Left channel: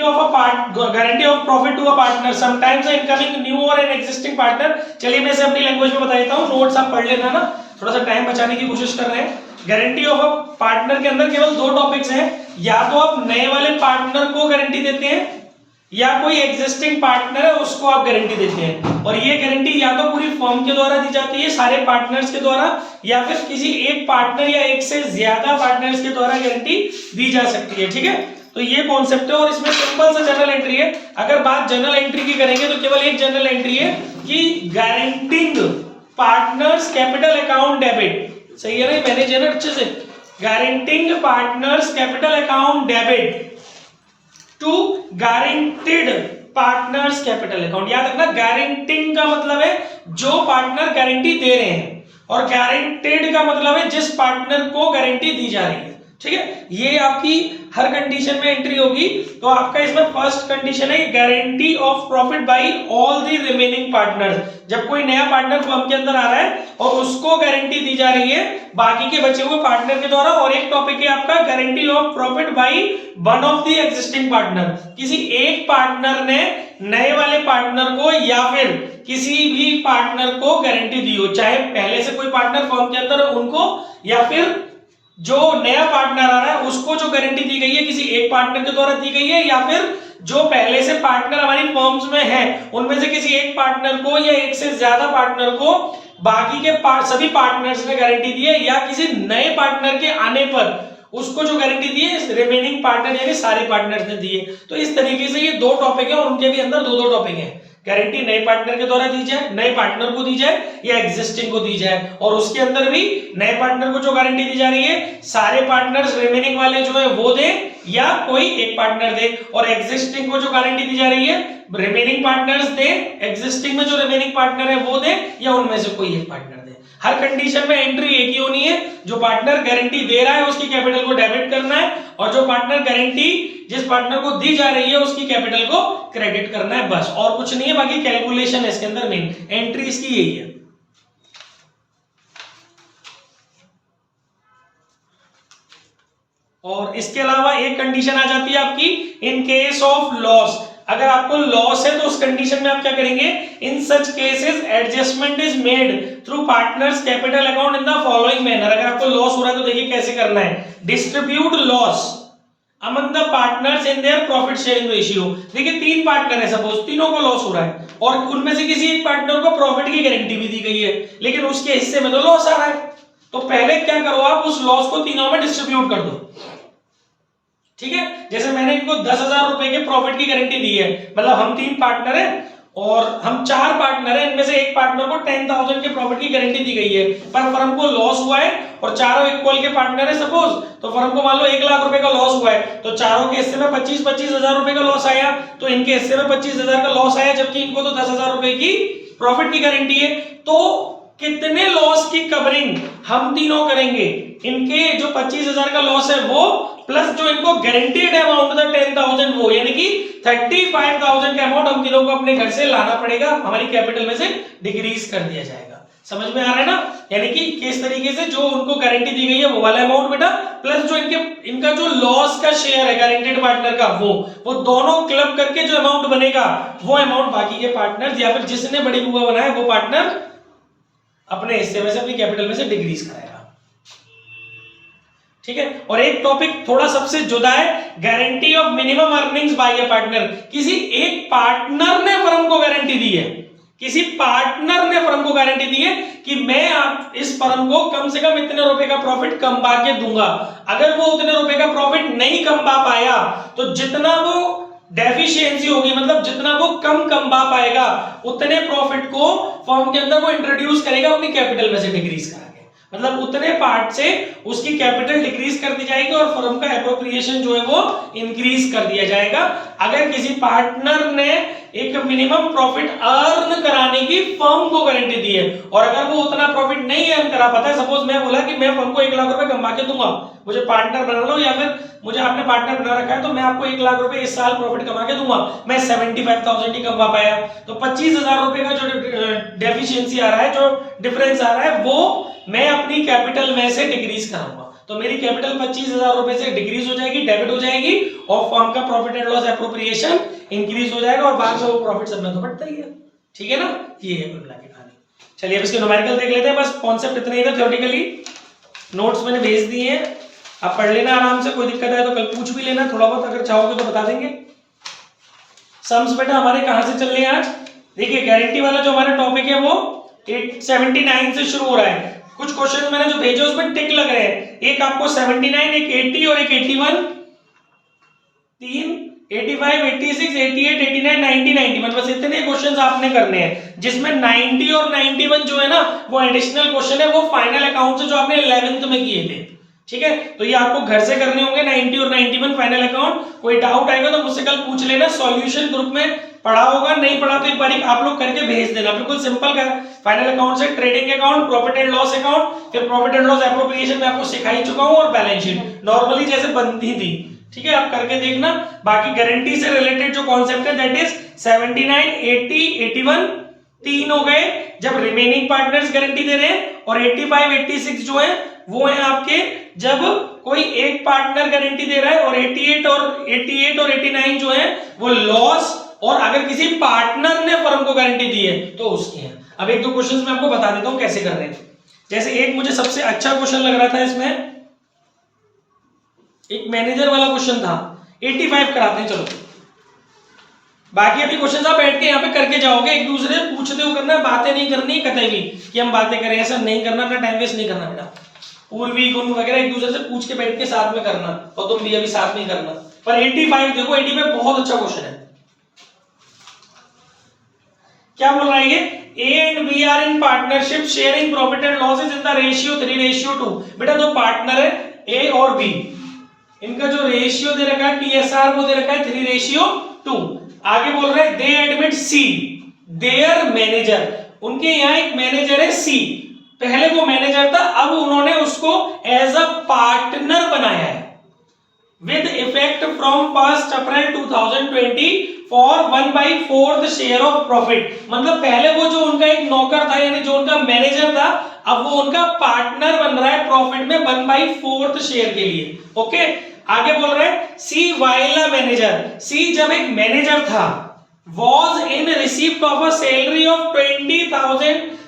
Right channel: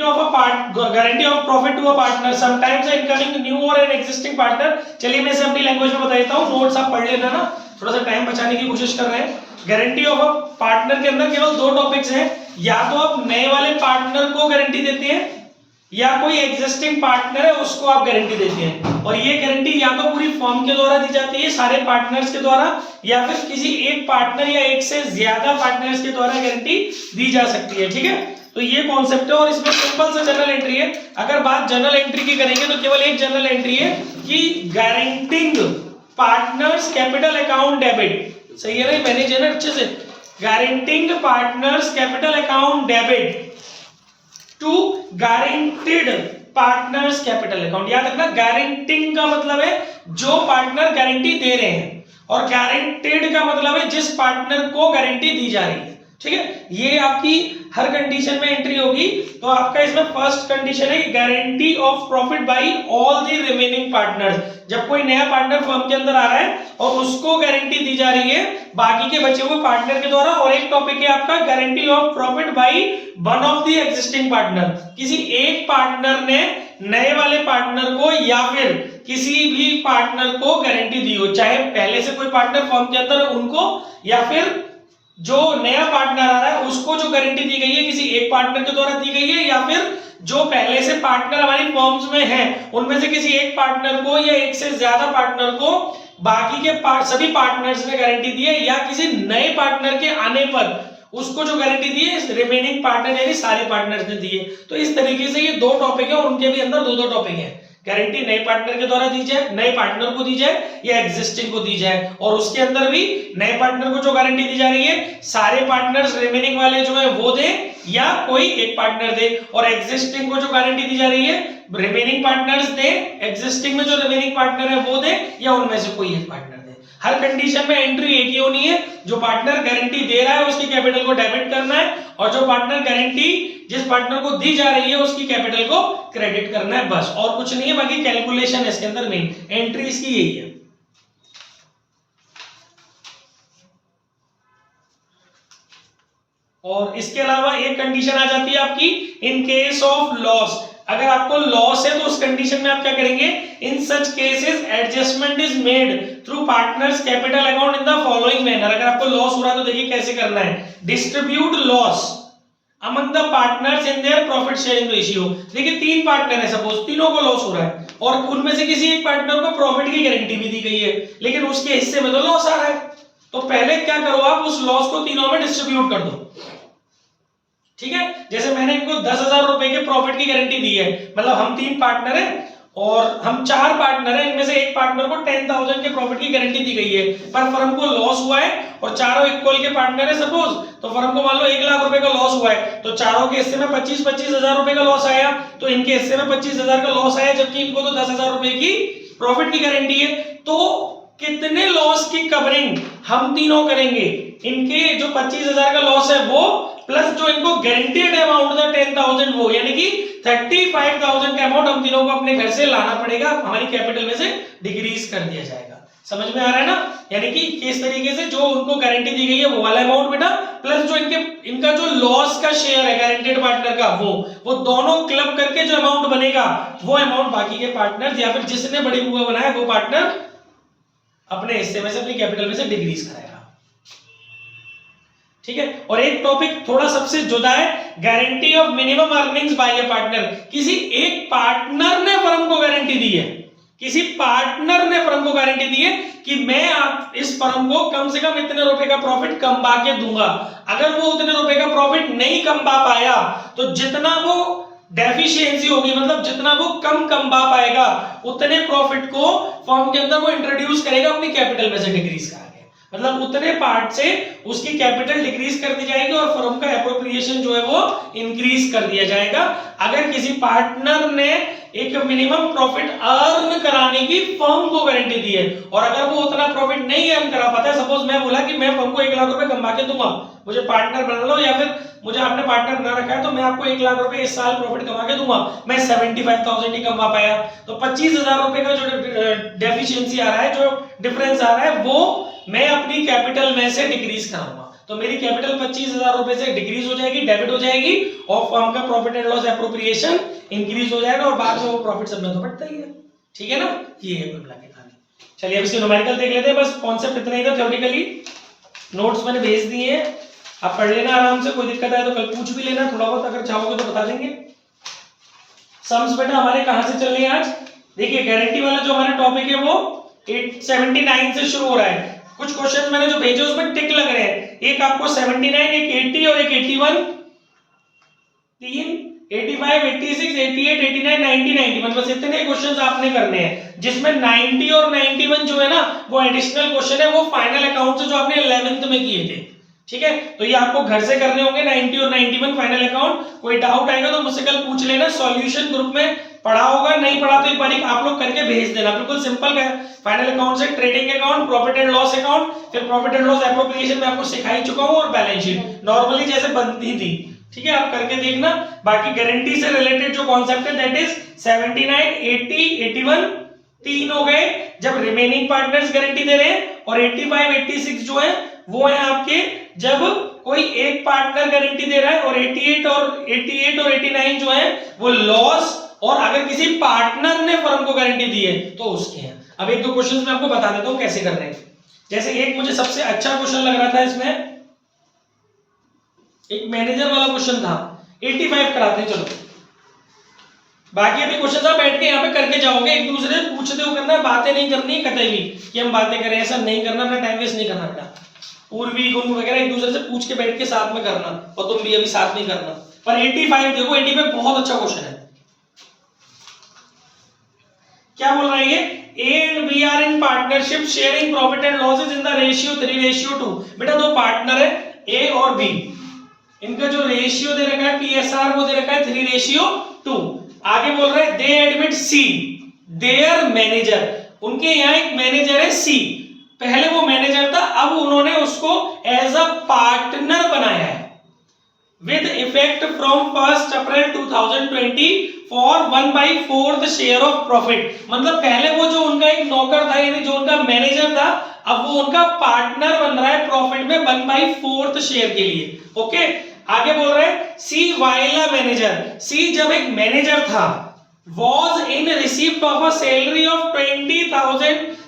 of a part guarantee of profit to a partner sometimes incoming new or an existing partner। चलिए मैं इसे अपनी language में बता देता हूँ, नोट्स आप पढ़ लेना ना, थोड़ा सा टाइम बचाने की कोशिश कर रहे हैं। गारंटी ऑफ अ पार्टनर के अंदर केवल दो टॉपिक्स हैं, या तो आप नए वाले पार्टनर को गारंटी देते हैं या कोई एग्जिस्टिंग पार्टनर है उसको आप गारंटी देते हैं। और ये गारंटी या तो पूरी फर्म के द्वारा दी जाती है, सारे पार्टनर्स के द्वारा, या फिर किसी एक पार्टनर या एक से ज्यादा पार्टनर्स के द्वारा गारंटी दी जा सकती है। ठीक है, तो ये कॉन्सेप्ट है और इसमें सिंपल सा जनरल एंट्री है। अगर बात जनरल एंट्री की करेंगे तो केवल एक जनरल एंट्री है कि guaranteeing partners capital account debit. सही है ना, मैनेज है ना अच्छे से। Guaranteeing partners capital account debit to guaranteed partners capital account. याद रखना, गारंटिंग का मतलब है जो पार्टनर गारंटी दे रहे हैं, और गारंटीड का मतलब है जिस पार्टनर को गारंटी दी जा रही है। ठीक है, ये आपकी हर कंडीशन में एंट्री होगी। तो आपका इसमें फर्स्ट कंडीशन है guarantee of profit by all the remaining partners. जब कोई नया पार्टनर फर्म के अंदर आ रहा है और उसको गारंटी दी जा रही है बाकी के बचे हुए पार्टनर के द्वारा। और एक टॉपिक है आपका guarantee of profit by one of the existing partner. किसी एक पार्टनर ने नए वाले पार्टनर को या फिर किसी भी पार्टनर को गारंटी दी हो, चाहे पहले से कोई पार्टनर फर्म के अंदर है उनको, या फिर जो नया पार्टनर आ रहा है उसको जो गारंटी दी गई है किसी एक पार्टनर के द्वारा दी गई है, या फिर जो पहले से पार्टनर हमारी फर्म्स में हैं उनमें से किसी एक पार्टनर को या एक से ज्यादा पार्टनर को बाकी के सभी पार्टनर्स ने गारंटी दी है, या किसी नए पार्टनर के आने पर उसको जो गारंटी दी है रिमेनिंग पार्टनर यानी सारे पार्टनर्स ने दी है। तो इस तरीके से ये दो टॉपिक है और उनके भी अंदर दो दो टॉपिक हैं। गारंटी नए पार्टनर के द्वारा दी जाए, नए पार्टनर को दी जाए, या एग्जिस्टिंग को दी जाए। और उसके अंदर भी नए पार्टनर को जो गारंटी दी जा रही है सारे पार्टनर्स रिमेनिंग वाले जो है वो दे या कोई एक पार्टनर दे, और एग्जिस्टिंग को जो गारंटी दी जा रही है रिमेनिंग पार्टनर्स दे, एग्जिस्टिंग में जो रिमेनिंग पार्टनर है वो दे, या उनमें से कोई एक पार्टनर दे। हर कंडीशन में एंट्री एक ही होनी है, जो पार्टनर गारंटी दे रहा है उसकी कैपिटल को डेबिट करना है, और जो पार्टनर गारंटी जिस पार्टनर को दी जा रही है उसकी कैपिटल को क्रेडिट करना है, बस और कुछ नहीं है। बाकी कैलकुलेशन है इसके अंदर, मेन एंट्री इसकी यही है। और इसके अलावा एक कंडीशन आ जाती है आपकी इन केस ऑफ लॉस। अगर आपको लॉस है तो उस कंडीशन में आप क्या करेंगे, in such cases adjustment is made through partners capital account in the following manner. अगर आपको लॉस हो रहा है तो देखिए कैसे करना है, distribute loss among the partners in their profit sharing ratio. देखिए तीन पार्टनर है, सपोज तीनों को लॉस हो रहा है और उनमें से किसी एक पार्टनर को प्रॉफिट की गारंटी भी दी गई है, लेकिन उसके हिस्से में तो लॉस आ रहा है। तो पहले क्या करो, आप उस लॉस को तीनों में डिस्ट्रीब्यूट कर दो। ठीक है, जैसे मैंने इनको 10,000 रुपए के प्रॉफिट की गारंटी दी है, मतलब हम तीन पार्टनर हैं और हम चार पार्टनर हैं, इनमें से एक पार्टनर को 10,000 के प्रॉफिट की गारंटी दी गई है, पर फर्म को लॉस हुआ है और चारों इक्वल के पार्टनर है सपोज, तो फर्म को मान लो 1 लाख रुपए का लॉस हुआ है, तो चारों के हिस्से में 25-25 हजार रुपए का लॉस आया, तो इनके हिस्से में 25,000 का लॉस आया, जबकि इनको तो 10,000 रुपए की प्रॉफिट की गारंटी है। तो कितने लॉस की कवरिंग हम तीनों करेंगे, इनके जो 25,000 का लॉस है वो प्लस जो इनको गारंटीड अमाउंट था 10,000 वो, यानी कि 35,000 का अमाउंट हम तीनों को अपने घर से लाना पड़ेगा, हमारी कैपिटल में से डिक्रीज कर दिया जाएगा। समझ में आ रहा है ना, यानी कि किस तरीके से जो उनको गारंटी दी गई है वो वाला अमाउंट बेटा, प्लस जो इनका जो लॉस का शेयर है गारंटीड पार्टनर का वो दोनों क्लब करके जो अमाउंट बनेगा वो अमाउंट बाकी के पार्टनर या फिर जिसने बड़ी बुआ बनाया वो पार्टनर अपने हिस्से में से अपनी कैपिटल में से डिक्रीज कराएगा। ठीक है, और एक टॉपिक थोड़ा सबसे जुदा है, guarantee of minimum earnings by a partner. किसी एक पार्टनर ने फर्म को गारंटी दी है, किसी पार्टनर ने फर्म को गारंटी दी है कि मैं आप इस फर्म को कम से कम इतने रुपए का प्रॉफिट कमा के दूंगा। अगर वो उतने रुपए का प्रॉफिट नहीं कमा पाया तो जितना वो डेफिशिएंसी होगी, मतलब जितना वो कम कमा पाएगा उतने प्रॉफिट को फर्म के अंदर वो इंट्रोड्यूस करेगा अपनी कैपिटल में से डिक्रीज करा के, मतलब उतने पार्ट से उसकी कैपिटल डिक्रीज कर दी जाएगी और फर्म का एप्रोप्रिएशन जो है वो इंक्रीज कर दिया जाएगा। अगर किसी पार्टनर ने एक मिनिमम प्रॉफिट अर्न कराने की फर्म को गारंटी दी है और अगर वो उतना प्रॉफिट नहीं अर्न करा पाता है, सपोज मैं बोला कि मैं फर्म को 1 लाख रुपए कमा के दूंगा, मुझे पार्टनर बना लो या फिर मुझे आपने पार्टनर बना रखा है तो मैं आपको 1 लाख रुपए इस साल प्रॉफिट कमा के दूंगा, मैं 75,000 ही कमा पाया, तो 25,000 रुपए का जो डेफिशिएंसी आ रहा है, जो डिफरेंस आ रहा है वो मैं अपनी कैपिटल में से डिक्रीज कराऊंगा। तो मेरी कैपिटल 25,000 रुपए से डिक्रीज हो जाएगी, डेबिट हो जाएगी, और फर्म का profit and loss appropriation increase हो जाएगा, और बाद में वो प्रॉफिट सब में तो बढ़ता ही है। ठीक है ना, ये है कुल मिला के कहानी। चलिए अब इसके न्यूमेरिकल देख लेते हैं, बस कॉन्सेप्ट इतना ही था थ्योरेटिकली। नोट्स मैंने भेज दिए हैं, आप पढ़ लेना आराम से, कोई दिक्कत है तो कल पूछ भी लेना, थोड़ा बहुत अगर चाहोगे तो बता देंगे। सम्स बेटा हमारे कहां से चल रहे हैं आज? देखिए गारंटी वाला जो हमारा टॉपिक है वो 879 से शुरू हो रहा है। कुछ क्वेश्चन मैंने जो भेजे उसमें टिक लग रहे हैं, एक आपको 79, एक 80 और एक 81, 3 85, 86, 88, 89, 90, 91, बस इतने क्वेश्चंस आपने करने हैं, जिसमें 90 और 91 जो है ना वो एडिशनल क्वेश्चन है, वो फाइनल अकाउंट से जो आपने 11th में किए थे। ठीक है, तो ये आपको घर से करने होंगे 90 और 91 फाइनल अकाउंट। कोई डाउट आएगा तो मुझसे कल पूछ लेना, सॉल्यूशन ग्रुप में पढ़ा होगा, नहीं पढ़ा तो एक बार आप लोग करके भेज देना, बिल्कुल सिंपल है। फाइनल अकाउंट से trading account, profit and loss account, फिर प्रॉफिट एंड लॉस एप्रोप्रिएशन में आपको सिखा ही चुका हूं, और बैलेंस शीट नॉर्मली जैसे बनती थी। ठीक है, आप करके देखना। बाकी गारंटी से रिलेटेड जो कॉन्सेप्ट है दैट इज 79, 80, 81 तीन हो गए जब रिमेनिंग पार्टनर्स गारंटी दे रहे हैं, और 85, 86 जो है वो है आपके जब कोई एक पार्टनर गारंटी दे रहा है, और 88 और 89 जो है वो लॉस, और अगर किसी पार्टनर ने फर्म को गारंटी दी है तो उसके हैं। अब एक दो क्वेश्चंस मैं आपको बता देता हूं कैसे कर रहे हैं। जैसे एक मुझे सबसे अच्छा क्वेश्चन लग रहा था इसमें, एक मैनेजर वाला क्वेश्चन था, 85 कराते हैं। चलो बाकी अभी क्वेश्चन आप बैठ के यहाँ पे करके जाओगे, एक दूसरे से पूछते हुए करना है, बातें नहीं करनी कतई भी कि हम बातें करें, ऐसा नहीं करना, अपना टाइम वेस्ट नहीं करना बेटा। पूर्वी गुण वगैरह एक दूसरे से पूछ के बैठ के साथ में करना, और तुम भी अभी साथ में करना। पर 85 देखो, 85 बहुत अच्छा क्वेश्चन है। क्या बोल रहा है ये? A and B are in partnership sharing profit and losses in the ratio 3:2। बेटा दो पार्टनर है A और B, इनका जो रेशियो दे रखा है TSR वो दे रखा है 3:2। आगे बोल रहा है दे एडमिट C देयर मैनेजर, उनके यहाँ एक मैनेजर है C, पहले वो मैनेजर था, अब उन्होंने उसको एज अ पार्टनर बनाया है with effect from 1st April 2020 for 1/4 share of profit. मतलब पहले वो जो उनका एक नौकर था, यानी जो उनका मैनेजर था, अब वो उनका पार्टनर बन रहा है प्रॉफिट में 1/4 शेयर के लिए। ओके, आगे बोल रहे हैं सी वाइल अ मैनेजर, सी जब एक मैनेजर था, was in receipt of a salary of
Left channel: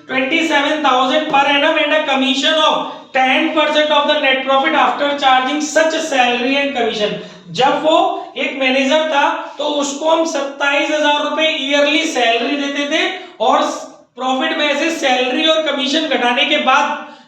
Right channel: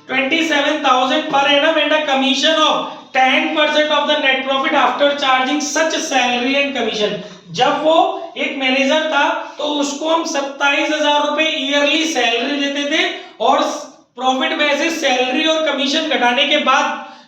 27,000 per annum and a commission of 10% of the net profit after charging such salary and commission। जब वो एक मैनेजर था तो उसको हम 27,000 रुपए ईयरली सैलरी देते थे, और प्रॉफिट में से सैलरी और कमीशन घटाने के बाद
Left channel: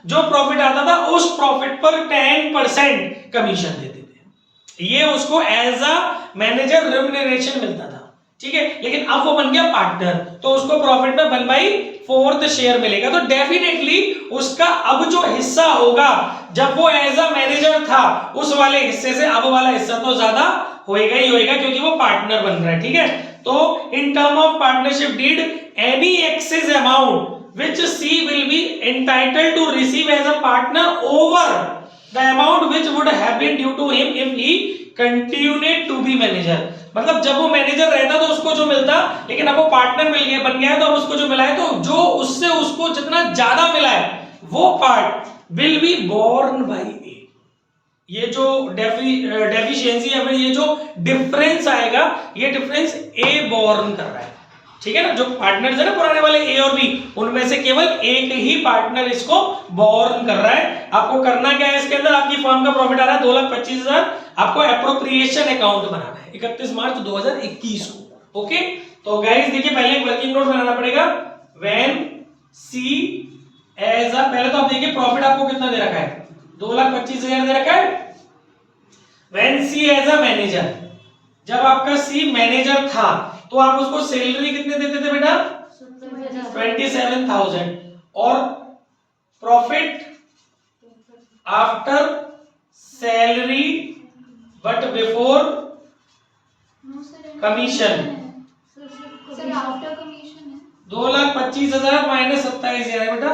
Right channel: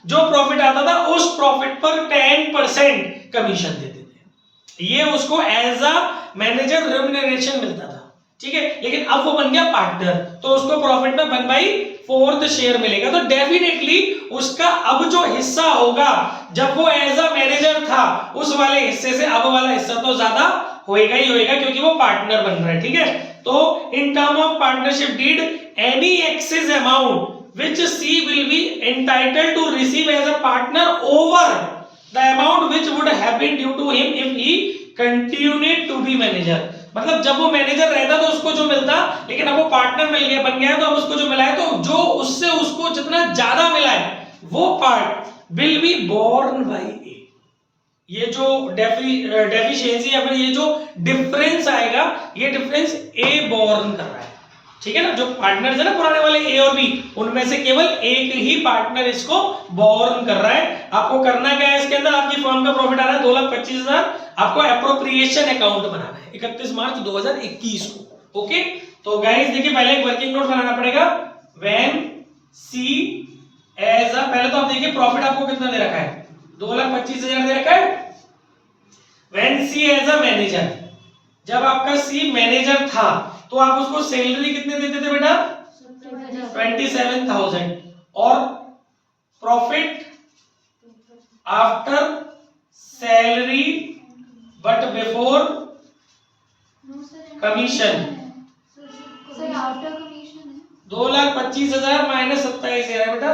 जो प्रॉफिट आता था उस प्रॉफिट पर 10% कमीशन देते थे। ये उसको एज अ मैनेजर रेम्युनरेशन मिलता था। ठीक है, लेकिन अब वो बन गया पार्टनर, तो उसको प्रॉफिट में 1/4 शेयर मिलेगा। तो डेफिनेटली उसका अब जो हिस्सा होगा, जब वो एज अ मैनेजर था उस वाले हिस्से से अब वाला हिस्सा तो ज्यादा होएगा ही होएगा, क्योंकि वो पार्टनर बन रहा है। ठीक है, तो in term of partnership deed any excess amount which C will be entitled to receive as a partner over the amount which would have been due to him if he continued to be manager. मतलब जब वो manager रहता तो उसको जो मिलता, लेकिन अब वो पार्टनर मिल गया, बन गया है, तो अब उसको जो मिला है, तो जो उससे उसको जितना ज्यादा मिला है वो part will be borne by A. ये जो डेफिशिएंसी या फिर ये जो डिफरेंस आएगा, ये डिफरेंस ए बोर्न कर रहा है। ठीक है ना, जो पार्टनर्स है ना पुराने वाले ए और बी, उनमें से केवल एक ही पार्टनर इसको बोर्न कर रहा है। आपको करना क्या है इसके अंदर, आपकी फर्म का प्रॉफिट आ रहा है 2,25,000, आपको एप्रोप्रिएशन अकाउंट बनाना है 31 मार्च 2021 को। ओके, तो गाइस देखिए पहले एक वर्किंग नोट बनाना पड़ेगा। व्हेन सी एज अ, पहले तो आप देखिए प्रॉफिट आपको कितना दे रखा है, 2,25,000 दे रखा है। When C as a manager, जब आपका सी मैनेजर था तो आप उसको सैलरी कितने देते थे बेटा? 27,000, और profit after salary but before commission 2,25,000 minus 27,000 है बेटा,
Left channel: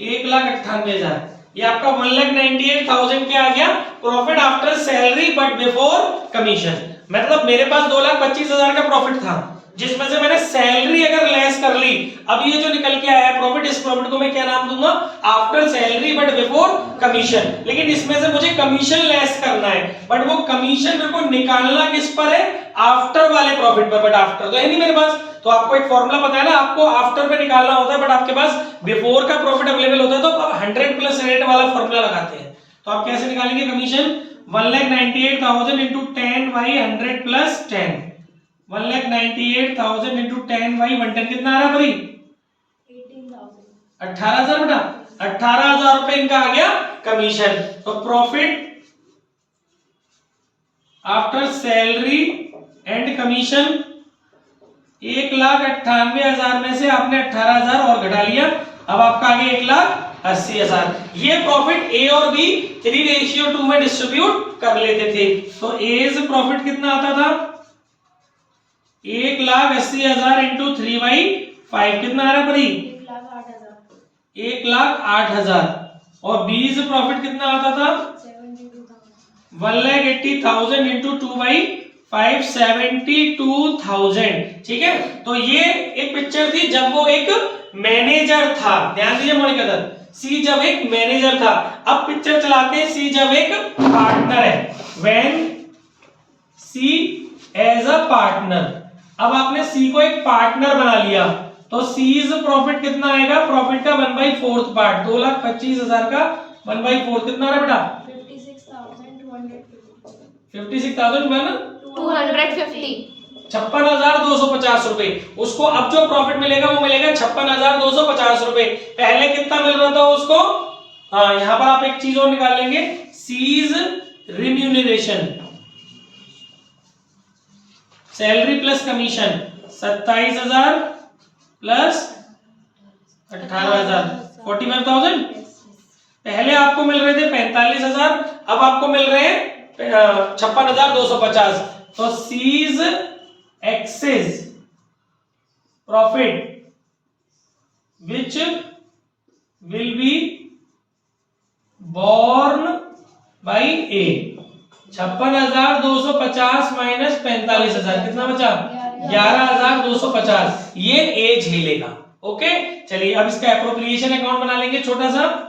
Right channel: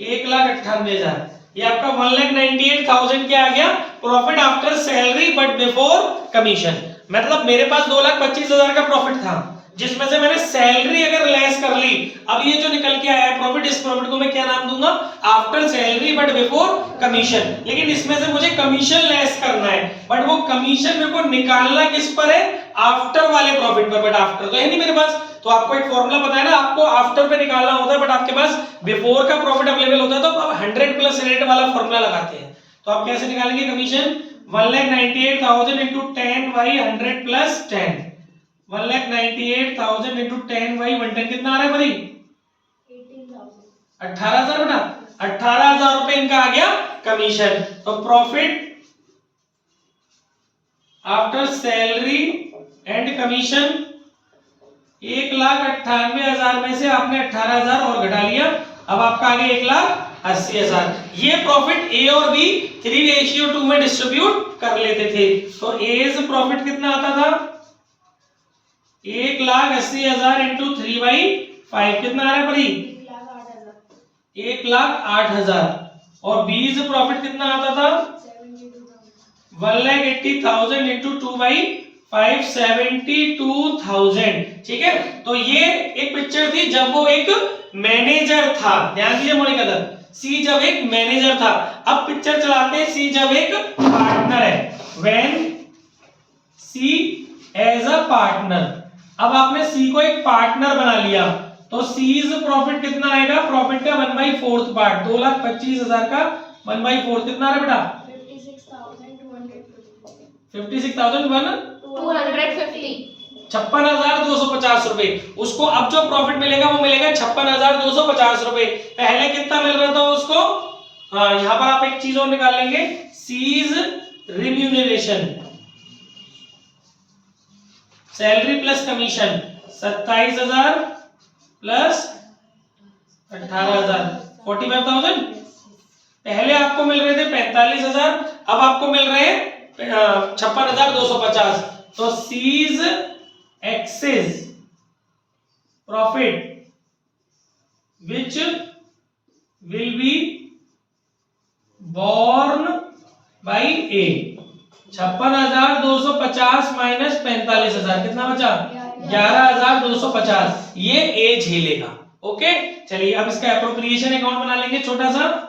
1,98,000। ये आपका 1,98,000 क्या आ गया? Profit after salary but before commission. मतलब मेरे पास 2,25,000 का प्रॉफिट था, जिसमें से मैंने सैलरी अगर लेस कर ली, अब ये जो निकल के आया है प्रॉफिट, इस प्रॉफिट को मैं क्या नाम दूंगा, after salary but before commission. लेकिन इसमें से मुझे कमीशन लेस करना है, बट वो कमीशन मेरे को निकालना किस पर है, आफ्टर वाले प्रॉफिट पर, बट आफ्टर तो है नहीं मेरे पास। तो आपको एक फॉर्मूला पता है ना, आपको आफ्टर पे निकालना होता है, बट आपके पास बिफोर का प्रॉफिट अवेलेबल होता है, तो आप 100 प्लस रेट वाला फॉर्मूला लगाते हैं। तो आप कैसे निकालेंगे commission, 1,98,000 into 10 by 100 plus 10, 1,98,000 into 10 by 110 कितना आ रहा है भाई, 18,000 बेटा, 18,000 रुपए इनका आ गया कमीशन। तो profit after salary and commission 1,98,000 में से आपने 18,000 और घटा लिया, अब आपका आ गया 1,80,000। ये प्रॉफिट ए और बी 3:2 में डिस्ट्रीब्यूट कर लेते थे। तो एज प्रॉफिट कितना आता था, 1,80,000 इंटू 3/5 कितना आ रहा है बड़ी, 1,08,000। और बीज प्रॉफिट कितना आता था, 1,80,000 इंटू 2/5 72,000। ठीक है, तो ये एक पिक्चर थी जब वो एक मैनेजर था, ध्यान दीजिए मौलिक अदर, सी जब एक मैनेजर था। अब पिक्चर चलाते हैं सी जब एक पार्टनर है, when C as a partner. अब आपने सी को एक पार्टनर बना लिया, तो सीज प्रॉफिट कितना आएगा, प्रॉफिट का 1/4 पार्ट, 2,25,000 का 1/4 कितना आ रहा है बेटा, 56,250 56,250 रुपए। उसको अब जो प्रॉफिट मिलेगा वो मिलेगा 56,250 रुपए। पहले कितना मिल रहा था उसको, हाँ यहां पर आप एक चीज और निकाल लेंगे, C's remuneration, salary plus commission 27,000 plus 18,000 45,000। पहले आपको मिल रहे थे 45,000, अब आपको मिल रहे हैं 56,250। तो C's excess profit which will be borne by A, 56,250 minus 45,000 कितना बचा, 11,250, ये ए झेलेगा। ओके चलिए अब इसका एप्रोप्रिएशन अकाउंट बना लेंगे छोटा सा।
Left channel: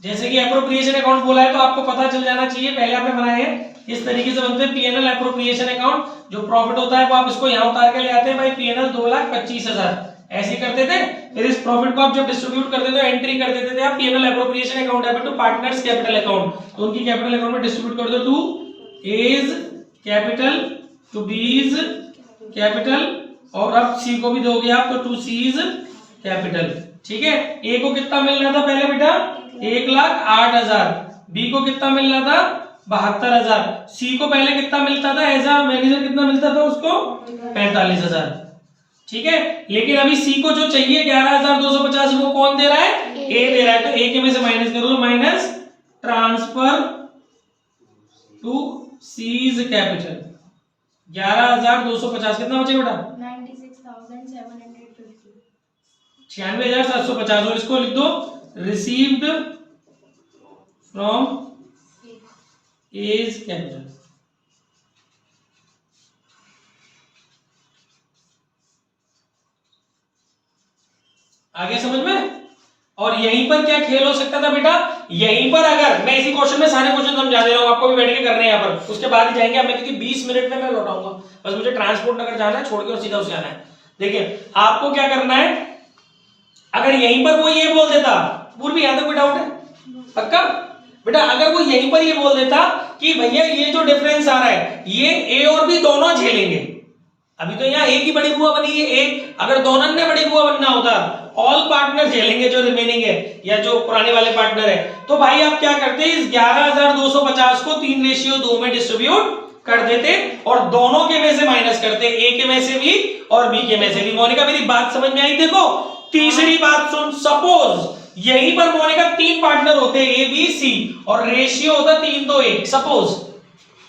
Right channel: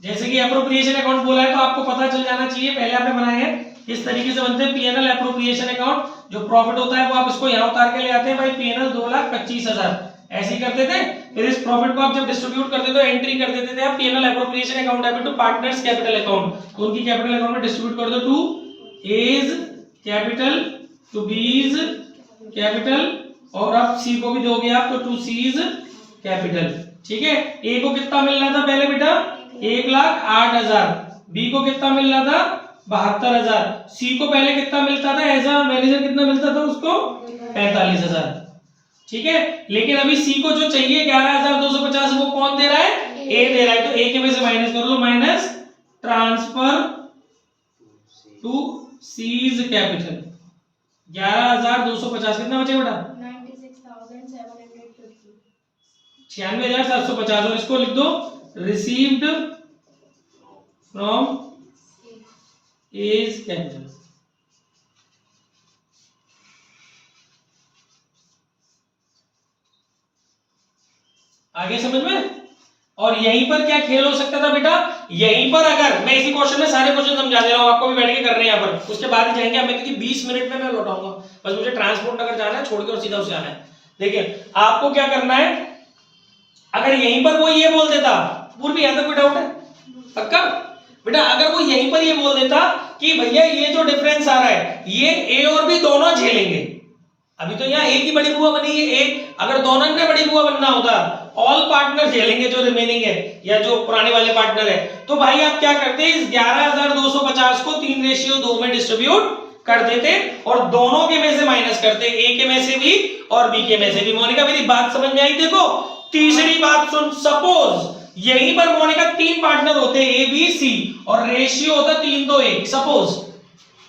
जैसे कि एप्रोप्रिएशन अकाउंट बोला है तो आपको पता चल जाना चाहिए, पहले आपने बनाए हैं इस तरीके से बनते हैं पीएनएल एप्रोप्रिएशन अकाउंट। जो प्रॉफिट होता है वो आप इसको यहां उतार के ले आते हैं, भाई पीएनएल 2,25,000 ऐसे ही करते थे। फिर इस प्रॉफिट को आप जब डिस्ट्रीब्यूट करते थे तो एंट्री कर देते थे आप PNL appropriation account debit to partners capital account, तो उनकी कैपिटल अकाउंट में डिस्ट्रीब्यूट कर दो, to A's capital to B's capital, और अब सी को भी दोगे आप तो टू सीज कैपिटल। ठीक है, ए को कितना मिल रहा था पहले बेटा, 1,08,000, बी को कितना मिल रहा था 72,000, सी को पहले कितना मिलता था एज अ मैनेजर, कितना मिलता था उसको 45,000। ठीक है, लेकिन अभी सी को जो चाहिए 11,250 वो कौन दे रहा है, ए दे रहा है, तो ए के में से माइनस कर लो, minus transfer to C's capital 11,250 कितना बचे बेटा 96,750, और इसको लिख दो रिसीव्ड फ्रॉम एज कैपिटल। आगे समझ में। और यहीं पर क्या खेल हो सकता था बेटा, यहीं पर अगर मैं इसी क्वेश्चन में सारे क्वेश्चन समझा दे रहा हूं, आपको भी बैठ के करने हैं यहाँ पर, उसके बाद ही जाएंगे हमें, क्योंकि 20 मिनट में मैं लौटाऊंगा, बस मुझे ट्रांसपोर्ट नगर जाना है, छोड़ के और सीधा उसे आना है। देखिए आपको क्या करना है, अगर यहीं पर वो ये बोल देता, पूर्व यहां तक कोई डाउट है पक्का बेटा, अगर वो यहीं पर ये बोल देता कि भैया ये जो डिफरेंस आ रहा है ये ए और बी दोनों झेलेंगे, अभी तो यहाँ एक ही बड़ी बुआ बनी है, एक अगर दोनों ने बड़ी बुआ बनना होता ऑल पार्टनर झेलेंगे जो रिमेनिंग है या जो पुराने वाले पार्टनर है, तो भाई आप क्या करते हैं इस 11,250 को 3:2 में डिस्ट्रीब्यूट कर देते और दोनों के में से माइनस करते, ए के में से भी और बी के में से भी। मोनिका मेरी बात समझ में आई? देखो तीसरी बात सुन, सपोज यहीं पर मोनिका 3 पार्टनर होते ए बी सी और रेशियो होता 3:1, सपोज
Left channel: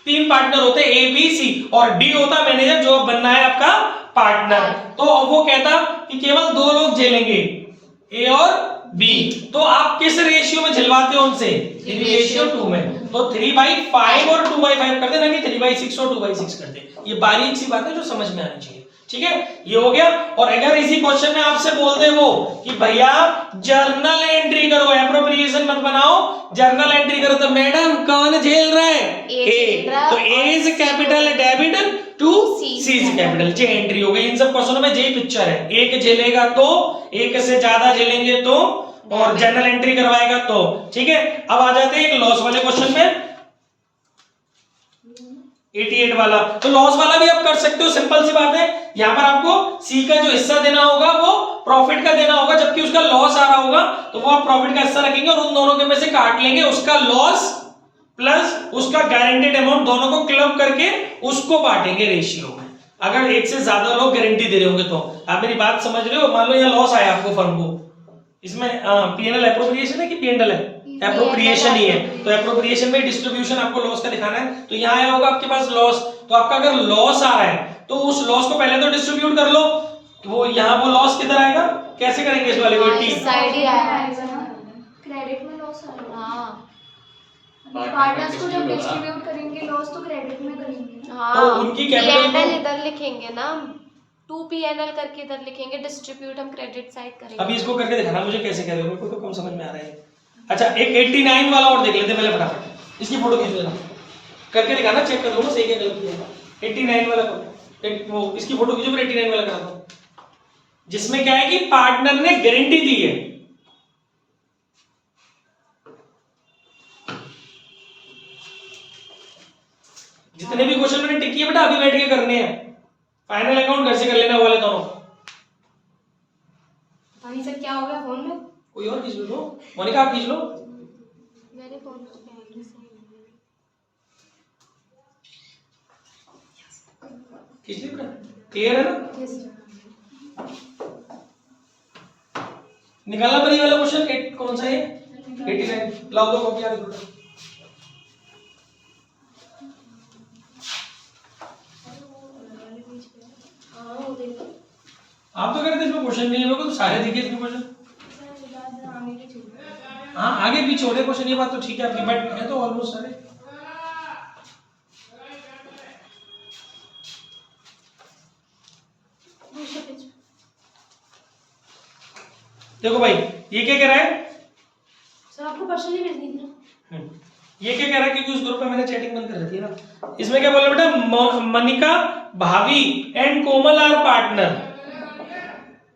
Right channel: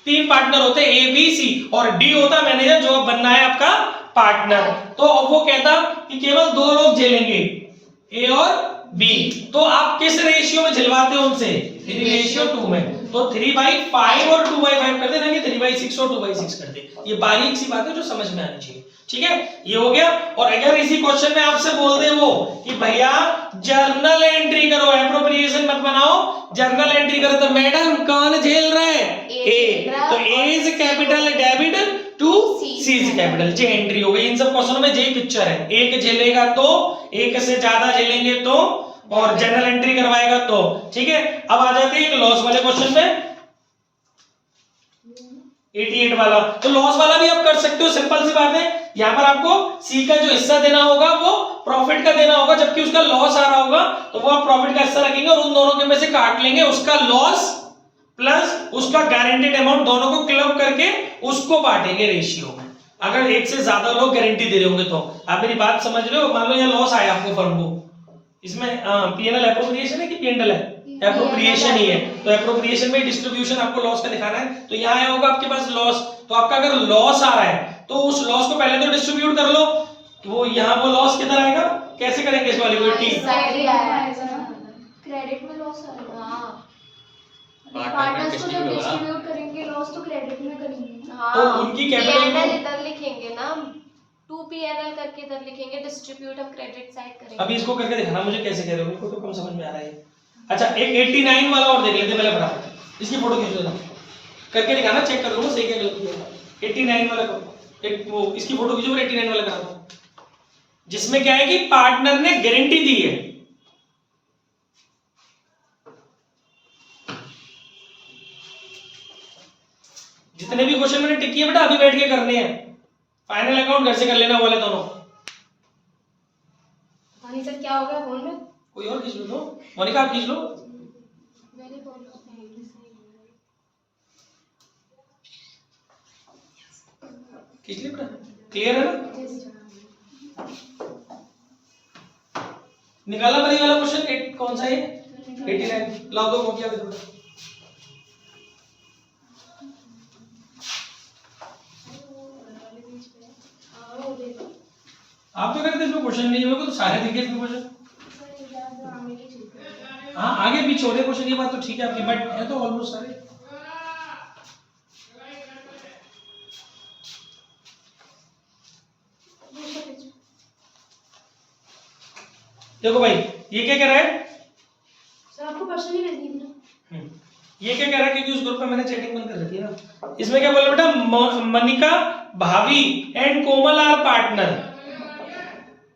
3 पार्टनर होते ए बी सी और डी होता मैनेजर जो अब बनना है आपका पार्टनर, तो अब वो कहता कि केवल 2 लोग झेलेंगे ए और बी, तो आप किस रेशियो में झिलवाते हो उनसे, 3:2 में। तो 3/5 और 2/5 कर देना कि 3/6 और 2/6 कर दे। ये बारीक सी बात है जो समझ में आनी चाहिए, ठीक है। ये हो गया। और अगर इसी क्वेश्चन में आपसे बोल दे वो कि भैया जर्नल एंट्री करो, एप्रोप्रिएशन मत बनाओ, जर्नल एंट्री करो, तो मैडम कौन झेल रहा है? ए। तो A is capital debit to C is capital, J entry हो गई। इन सब क्वेश्चनों में जे पिक्चर है, एक झेलेगा तो, एक से ज्यादा झेलेंगे तो, और जर्नल एंट्री करवाएगा तो, ठीक है। अब आ जाते हैं एक लॉस वाले क्वेश्चन में, 88 वाला। तो लॉस वाला भी आप कर सकते हो, सिंपल सी बात है। यहां पर आपको सी का जो हिस्सा देना होगा वो प्रॉफिट का देना होगा, जबकि उसका लॉस आ रहा होगा तो वो आप प्रॉफिट का हिस्सा रखेंगे और उन दोनों के में से काट लेंगे, उसका लॉस प्लस उसका गारंटीड अमाउंट दोनों को क्लब करके उसको बांटेंगे रेशियो में। अगर एक से ज्यादा लोग गारंटी दे रहे होंगे तो आप मेरी बात समझ रहे हो। मान लो यहाँ लॉस आया आपको फर्म को, इसमें पीएनएल एप्रोप्रिएशन है कि पीएनएल है? एप्रोप्रिएशन ही है। तो एप्रोप्रिएशन में डिस्ट्रीब्यूशन आपको लॉस का दिखाना है, तो यहाँ आया होगा आपके पास लॉस। तो आपका अगर लॉस आ रहा है तो उस लॉस को पहले तो डिस्ट्रीब्यूट कर लो, तो वो यहाँ वो लॉस किधर आएगा, कैसे करेंगे इस वाले को? क्रेडिट में लॉस आ रहा है। पार्टनर्स को जब डिस्ट्रीब्यूट करेंगे लॉस तो क्रेडिट में करेंगे। तो उनकी कैपिटल को इधर लिखेंगे ना, 2 पीएनएल करके इधर लिखेंगे, डिस्ट्रीब्यूट हम क्रेडिट साइड करेंगे। अभी इसको करके दिखाना मुझे कैसे कह रहे हो, मेरे को तो कम समझ में आ रहा है। अच्छा एक 89 वाला और देख लेते हैं पहले फटाफट, इसकी फोटो खींच लेना, करके दिखाना, चेक कर दूंगा सही क्या गलती है। 89 वाला को एक वो इसकी फोटो खींचो, 89 वाला करा दो, जिसमें क्या है कि पार्टनर ने गारंटी दी है। जितने भी क्वेश्चन मैंने टिक किए बेटा अभी बैठ के करने हैं, फाइनल अकाउंट घर से कर लेने वाले दोनों। नहीं सर क्या हो गया फोन में? कोई और खींच लो, तो मोनिका आप खींच लो। मेरे फोन में खींच लिया बेटा, क्लियर है ना? निकाला बड़ी वाला क्वेश्चन कौन सा है? 89। लाओ दो कॉपी, आ दो बेटा। आप तो कहते इसमें क्वेश्चन नहीं होगा, तो सारे देखिए इसमें क्वेश्चन। हाँ आगे भी छोटे क्वेश्चन, ये बात तो ठीक है आपकी, बट है तो ऑलमोस्ट सारे। देखो भाई ये क्या कह रहा है सर, आपको पर्सनली भेज दी ना। ये क्या कह रहा है, क्योंकि उस ग्रुप में मैंने चैटिंग बंद कर रखी है ना। इसमें क्या बोल रहा है बेटा, मनिका, भावी एंड कोमल आर पार्टनर।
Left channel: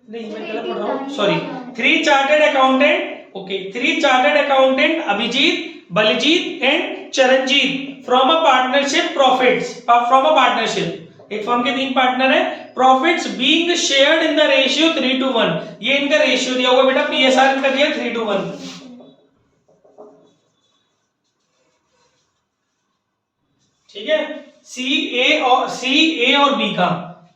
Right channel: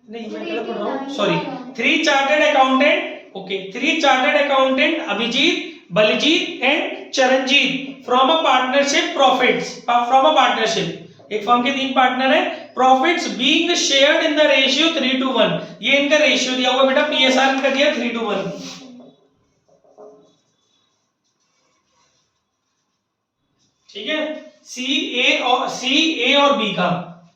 नहीं मैं गलत पढ़ रहा हूँ, sorry. 3 chartered accountant, okay, 3 chartered accountant Abhijit, Baljit and Charanjit from a partnership profits, from a partnership. एक फर्म के 3 पार्टनर है, profits being shared in the ratio 3:1। ये इनका रेशियो दिया हुआ बेटा, पीएसआर इनका दिया 3:1। ठीक है, सी ए और बी का,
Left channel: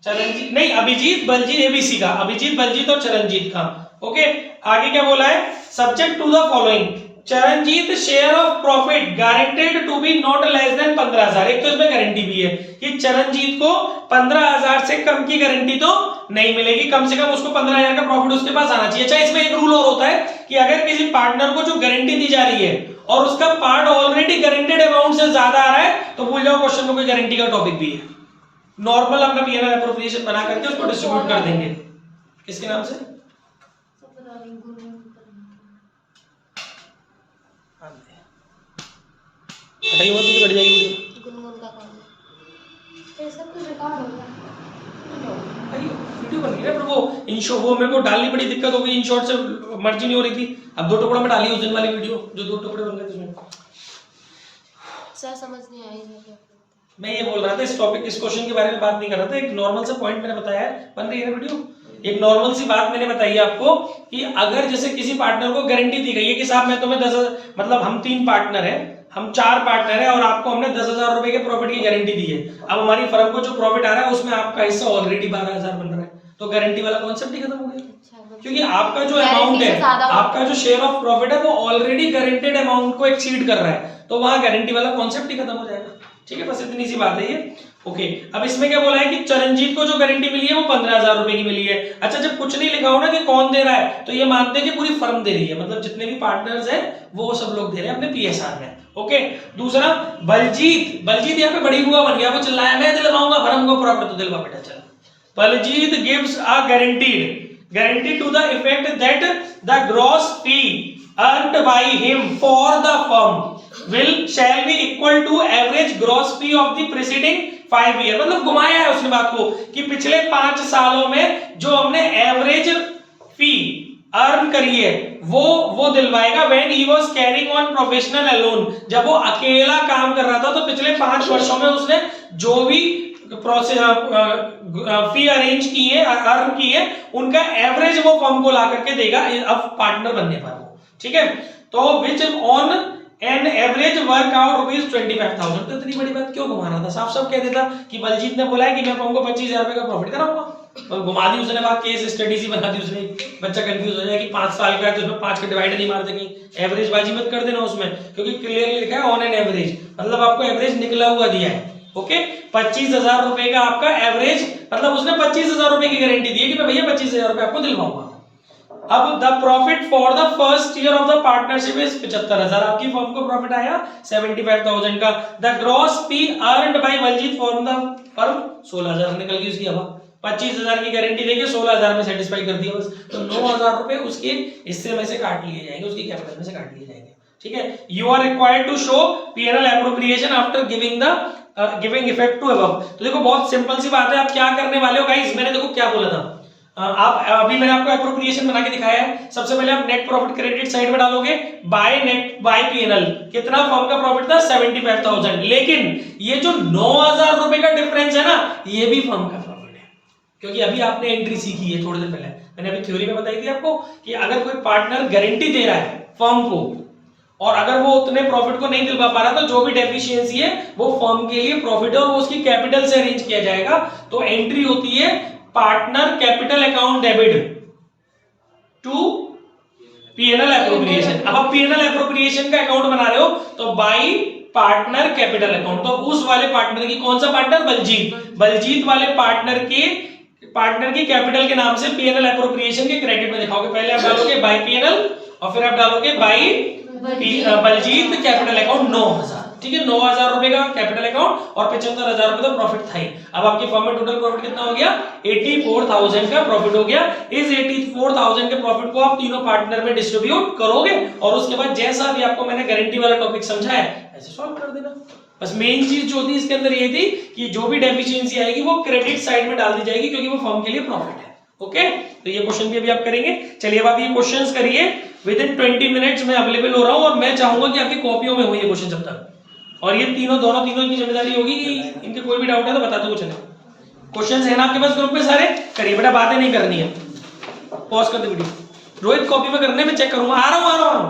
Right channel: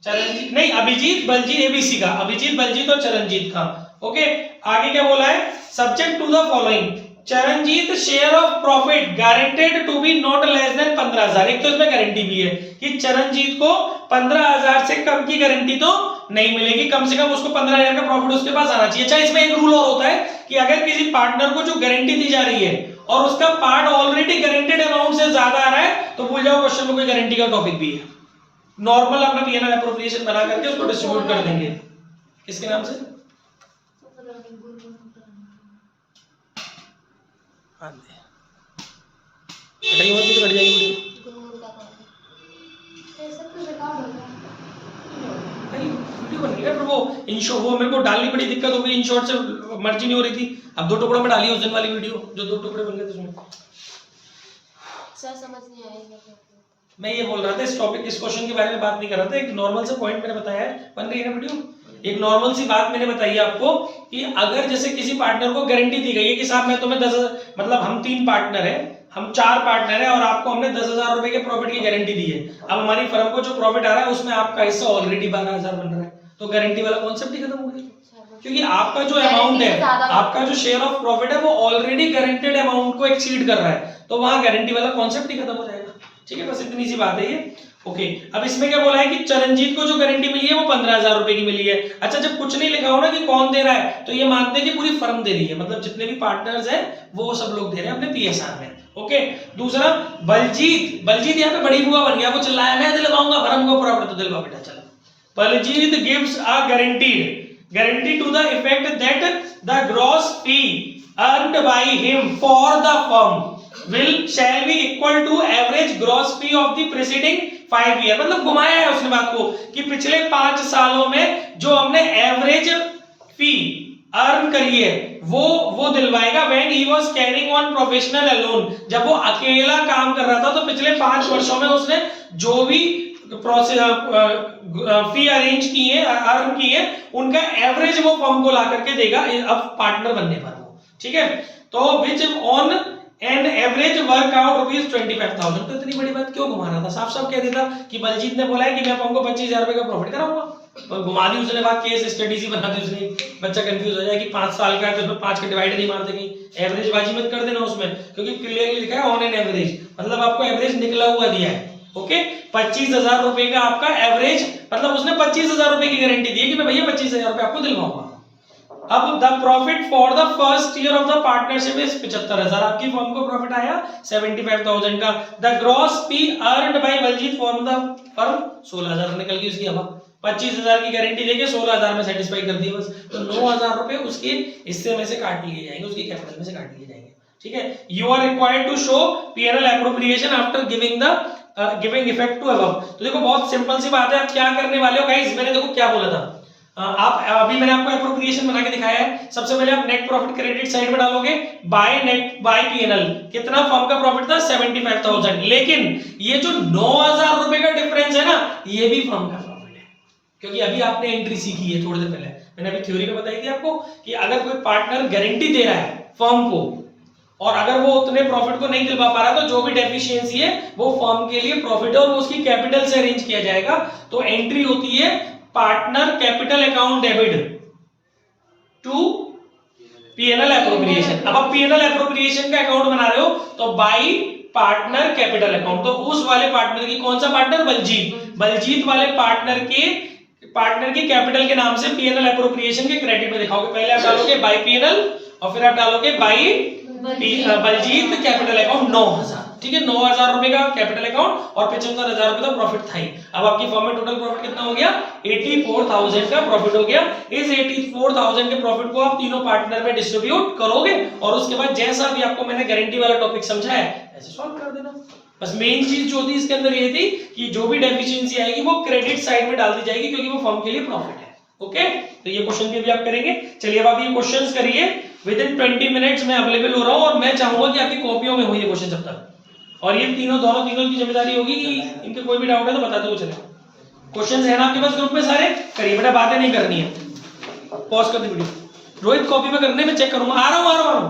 चरणजीत नहीं अभिजीत बलजीत, एबीसी का अभिजीत बलजीत और चरणजीत का। ओके आगे क्या बोला है, subject to the following, Charanjit share of profit guaranteed to be not less than 15,000। एक तो इसमें गारंटी भी है कि चरणजीत को 15,000 से कम की गारंटी तो नहीं मिलेगी, कम से कम उसको 15,000 का प्रॉफिट उसके पास आना चाहिए। अच्छा इसमें एक रूल और होता है कि अगर किसी पार्टनर को जो गारंटी दी जा रही है और उसका पार्ट ऑलरेडी गारंटेड अमाउंट से ज्यादा आ रहा है, तो भूल जाओ क्वेश्चन में कोई गारंटी का टॉपिक भी है। नॉर्मल अपना पीएनएल एप्रोप्रिएशन बना करके उसको डिस्ट्रीब्यूट कर देंगे। किसके नाम से? हटाइए मत, तो कट जाएगी वीडियो। ऐसा कुछ रिकॉर्ड हो गया भाई वीडियो बन गई ना, पर वो इनशॉट वो मेरे को डालनी बड़ी दिक्कत हो गई, इनशॉट से मर्जी नहीं हो रही थी। अब 2 टुकड़ों में डाली उस दिन वाली वीडियो जो 2 टुकड़े बन गए थे उसमें। सर समझ नहीं आई। मैं ये बोल रहा था इस टॉपिक, इस क्वेश्चन के बारे में बात नहीं कर रहा था, एक नॉर्मल सा पॉइंट मैंने बताया है, बन रही है ना वीडियो। एक नॉर्मल सी बात मैंने बताई है आपको कि अगर जैसे किसी पार्टनर को गारंटी दी गई है कि साहब मैं तुम्हें 10,000, मतलब हम 3 पार्टनर हैं, हम 4 पार्टनर हैं और आपको हमने 10,000 रुपए के प्रॉफिट की गारंटी दी है। अब हमारी फर्म को जो प्रॉफिट आ रहा है उसमें आपका हिस्सा ऑलरेडी 12,000 बन रहा है, तो गारंटी वाला कॉन्सेप्ट ही खत्म हो गया, क्योंकि आपका जो अमाउंट है, आपका जो शेयर ऑफ प्रॉफिट है वो ऑलरेडी गारंटेड अमाउंट को एक्सीड कर रहा है, तो वहां गारंटी वाला कॉन्सेप्ट ही खत्म हो जाएगा। ठीक है, बस इतनी सी बात है ये। ओके अब इसमें क्या बोला है कि चरणजीत को जो गारंटी मिली है वो 15,000 रुपए की मिली है। अच्छा जब कुछ नहीं लिखा हो ना कि कौन दे रहा है, तो ये मानते हैं कि पूरी फर्म दे रही है, मतलब जितने भी पार्टनर्स हैं वो सब लोग दे रहे हैं अपने पीएसआर में। ओके। दूसरा बलजीत यहाँ पे बड़ी बुआ बन गया, वो चिल्लाया मैं दिलवाऊंगा, भरम को प्रॉफिट, तो दिलवा बेटा चला। Baljit gives a guarantee to the effect that the gross fee earned by him for the firm shall be equal to average gross fee of the preceding 5 year। मतलब घुमाया है उसने बात को कि पिछले 5 सालों में जो हमने एवरेज फी अर्न करी है वो दिलवाएगा। When he was carrying on professional alone, जब वो अकेला काम कर रहा था तो पिछले 5 वर्षों में उसने जो भी फी अरेंज की है, अर्न की है, उनका एवरेज वो फर्म को ला करके देगा अब पार्टनर बनने पर वो, ठीक है। तो which on an average work out rupees 25,000। तो इतनी बड़ी बात क्यों घुमा रहा था, साफ साफ कह देता कि बलजीत ने बोला है कि मैं फर्म को 25,000 रुपए का प्रॉफिट कराऊंगा, और घुमा दी उसने बात, केस स्टडी सी बना दी उसने, बच्चा कंफ्यूज हो जाए कि 5 साल का है तो उसमें 5 का डिवाइड नहीं मार देंगे, एवरेज बाजी मत कर देना उसमें, क्योंकि क्लियरली लिखा है ऑन एन एवरेज, मतलब आपको एवरेज निकला हुआ दिया है। ओके, 25,000 रुपए का आपका एवरेज, मतलब उसने 25,000 रुपए की गारंटी दी है कि मैं भैया 25,000 रुपए आपको दिलवाऊंगा। अब the profit for the first year of the partnership is 75,000, आपकी फर्म को प्रॉफिट आया 75,000 का। The gross fee earned by Baljit for the firm 16,000 निकल गई उसकी। अब 25,000 की गारंटी देके 16,000 में सेटिस्फाई कर दिया बस, तो 9,000 रुपए उसके हिस्से में से काट लिए जाएंगे, उसकी कैपिटल में से काट लिए जाएंगे, ठीक है। You are required to show P&L appropriation after giving effect to above. तो देखो बहुत सिंपल सी बात है, आप क्या करने वाले हो गाइस, मैंने देखो क्या बोला था, आप अभी मैंने आपको एप्रोप्रिएशन बना के दिखाया है। सबसे पहले आप नेट प्रॉफिट क्रेडिट साइड में डालोगे, बाय P&L कितना फर्म का प्रॉफिट था 75,000, लेकिन ये जो 9,000 रुपए का डिफरेंस है ना, ये भी फर्म का प्रॉफिट है, क्योंकि अभी आपने एंट्री सीखी है थोड़ी देर पहले, मैंने अभी थ्योरी में बताई थी आपको कि अगर कोई पार्टनर गारंटी दे रहा है फर्म को और अगर वो उतने प्रॉफिट को नहीं दिलवा पा रहा तो जो भी डेफिशिएंसी है वो फर्म के लिए प्रॉफिट है और वो उसकी कैपिटल से अरेंज किया जाएगा। तो एंट्री होती है partner capital account debit to P&L appropriation. अब आप P&L एप्रोप्रिएशन का अकाउंट बना रहे हो तो बाई पार्टनर कैपिटल अकाउंट, तो उस वाले पार्टनर की, कौन सा पार्टनर, बलजीत वाले पार्टनर की कैपिटल के नाम से P&L एप्रोप्रिएशन के क्रेडिट में दिखाओगे। पहले आप डालोगे बाई P&L और फिर आप डालोगे बाई बलजीत कैपिटल अकाउंट 9,000, ठीक है। 9,000 रुपए का कैपिटल अकाउंट और 75,000 रुपए का प्रॉफिट था ही। अब आपकी फर्म में टोटल प्रॉफिट कितना हो गया, 84,000 का प्रॉफिट हो गया। इस 84,000 के प्रॉफिट को आप तीनों पार्टनर में डिस्ट्रीब्यूट करोगे और उसके बाद जैसा भी आपको मैंने गारंटी वाला टॉपिक समझाया ऐसे सॉल्व कर देना। बस मेन चीज जो थी इसके अंदर ये थी कि जो भी डेफिशिएंसी आएगी वो क्रेडिट साइड में डाल दी जाएगी, क्योंकि वो फर्म के लिए प्रॉफिट है। ओके, तो ये क्वेश्चन भी अभी आप करेंगे। चलिए अब आप ये क्वेश्चंस करिए, विद इन 20 मिनट्स में अवेलेबल हो रहा हूं और मैं चाहूंगा कि आपकी कॉपियों में हो ये क्वेश्चन जब तक, और ये दोनों की जिम्मेदारी होगी कि इनके कोई भी डाउट है तो बताते हुए चले। क्वेश्चंस है ना आपके पास ग्रुप में सारे, करिए बेटा, बातें नहीं करनी है। पॉज कर दे वीडियो, रोहित कॉपी में करने में चेक करूंगा, आ रहा हूं।